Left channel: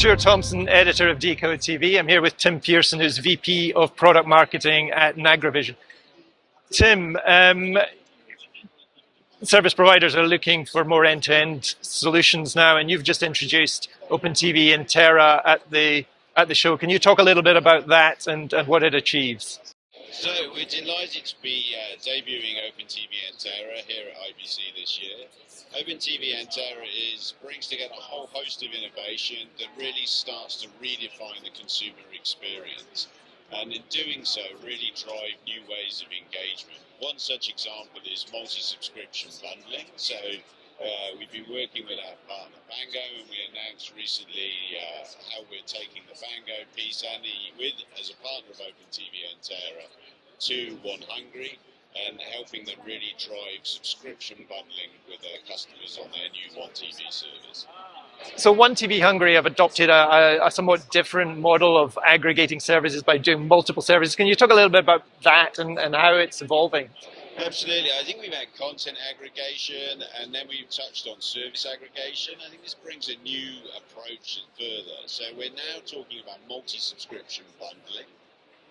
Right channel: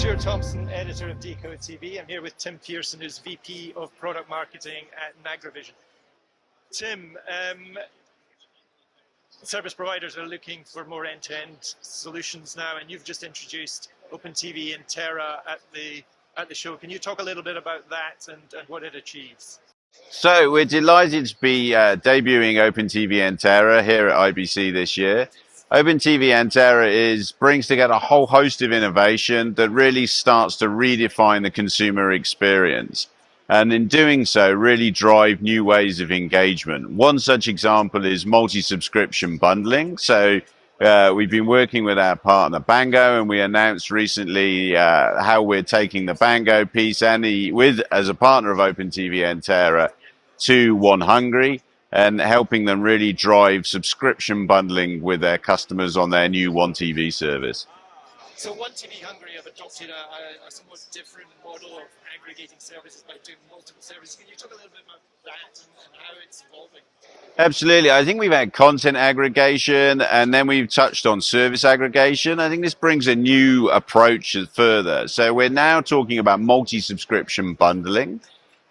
Stuart Thomson, editor of decodeTV. I'm here with Tim Pearson, who's VP of Product Marketing at NAGRAVISION. Tim, service providers are looking for more end-to-end solutions now, and you've just introduced OpenTV and Terra at the show. Can you talk a little bit about that and what it achieves? So we're delighted to be debuting OpenTV and Terra here at IBC this year. OpenTV and Terra brings together a whole host of innovation that really starts to redefine the consumer experience. And in doing so, really drive new ways of engagement. One such example is multi-subscription bundling. So we've been working with our partner Bango, and we announced recently how we're taking the Bango piece and as a partner of OpenTV and Terra to One Hungary, and helping them really drive subscription bundling with their customers on their new One TV service. So One TV Hungary have adopted a somewhat different model of aggregating services by doing multiple services. Can you talk a little bit about that and how it's evolving? Absolutely. I think we've had content aggregation, and then we've touched on service aggregation. I think this brings a new approach further. So we're now talking about multi-subscription bundling.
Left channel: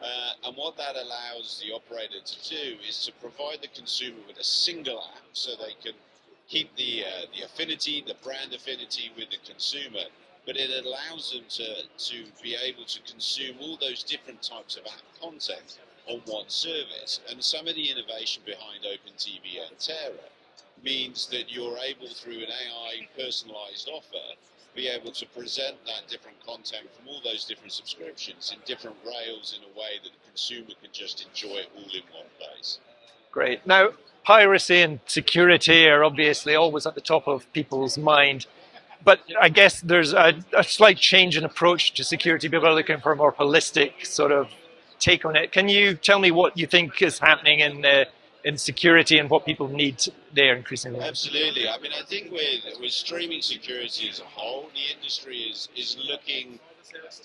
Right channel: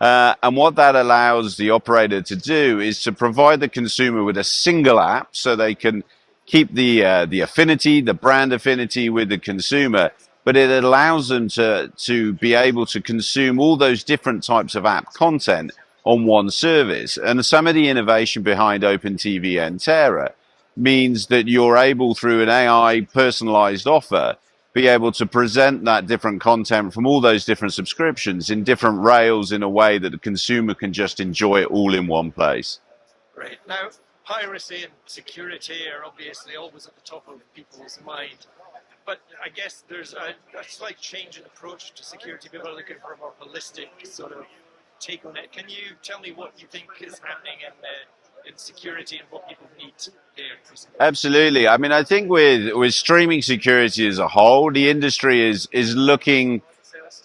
And what that allows the operator to do is to provide the consumer with a single app, so they can keep the affinity, the brand affinity with the consumer, but it allows them to be able to consume all those different types of app content on one service. And some of the innovation behind OpenTV and Terra means that you're able, through an AI personalized offer, be able to present that different content from all those different subscriptions in different rails in a way that the consumer can just enjoy it all in one place. Great. Now, piracy and security are obviously always at the top of people's mind, but I guess there's a slight change in approach to security. People are looking for a more holistic sort of take on it. Can you tell me what you think is happening in security and what people need there increasingly? Absolutely. I mean, I think with streaming security as a whole, the industry is looking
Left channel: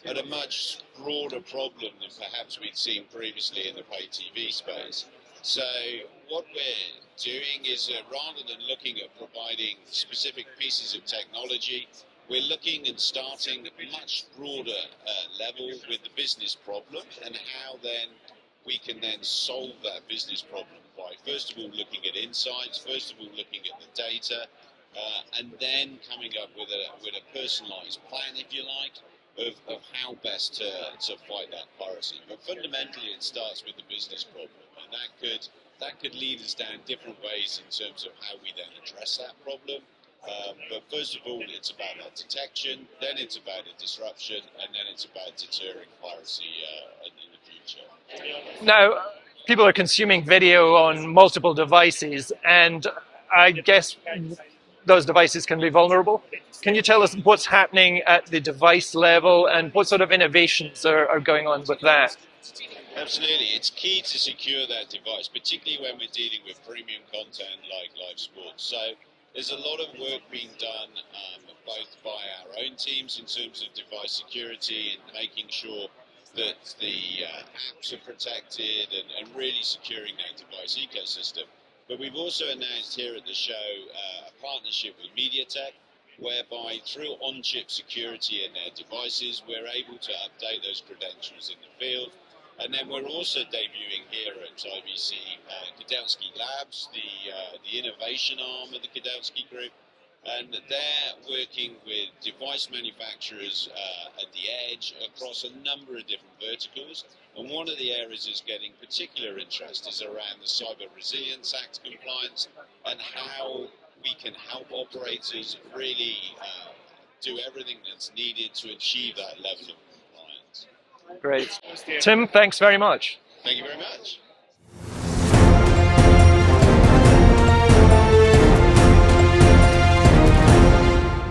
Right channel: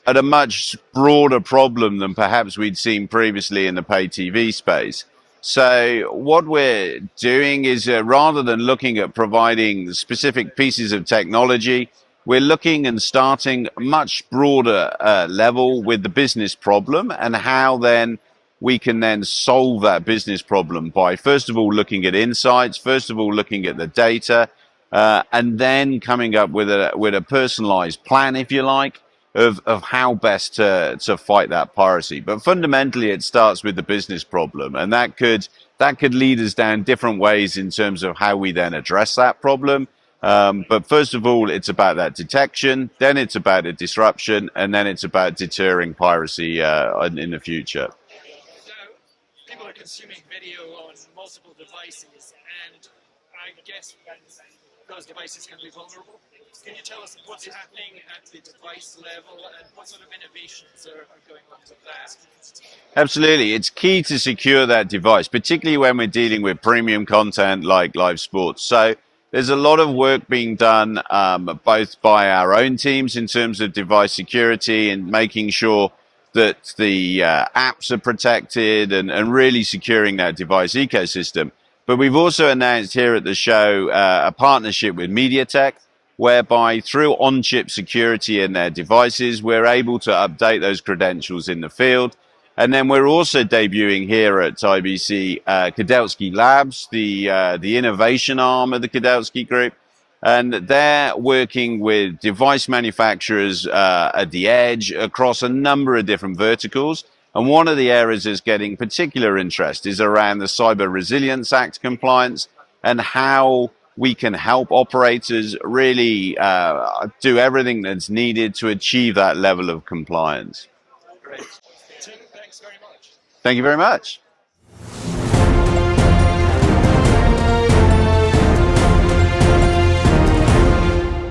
at a much broader problem than perhaps we'd seen previously in the pay TV space. So what we're doing is rather than looking at providing specific pieces of technology, we're looking and starting much broader level with the business problem, and how then we can then solve that business problem by, first of all, looking at insights, first of all, looking at the data, and then coming up with a personalized plan, if you like, of how best to fight that piracy. But fundamentally, it starts with the business problem, and that could lead us down different ways in terms of how we then address that problem. But first of all, it's about that detection, then it's about a disruption, and then it's about deterring piracy in the future. Now, people are consuming video on multiple devices, and I guess those devices can be vulnerable. Can you tell us what's happening at the device level and what sort of innovations are going on with that? Absolutely. It's key to secure that device, particularly when we're dealing with premium content like live sports. So there's a lot of work being done both by our own teams in terms of device security and making sure that the apps are protected and really securing that device ecosystem. But we've also announced here at the show a partnership with MediaTek, whereby through on-chip security in their devices, we're able to update those credentials in the field. And then we're also debuting here at IBC Kodelsky Labs, the innovation arm of the Kodelsky Group. And they're working with device manufacturers at the edge across a number of different verticals. And one of the areas that's getting particular interest is around the Cyber Resilience Act compliance and how we can help operators really do everything that's needed to achieve that level of compliance. Great. Tim, thanks very much. Thank you very much.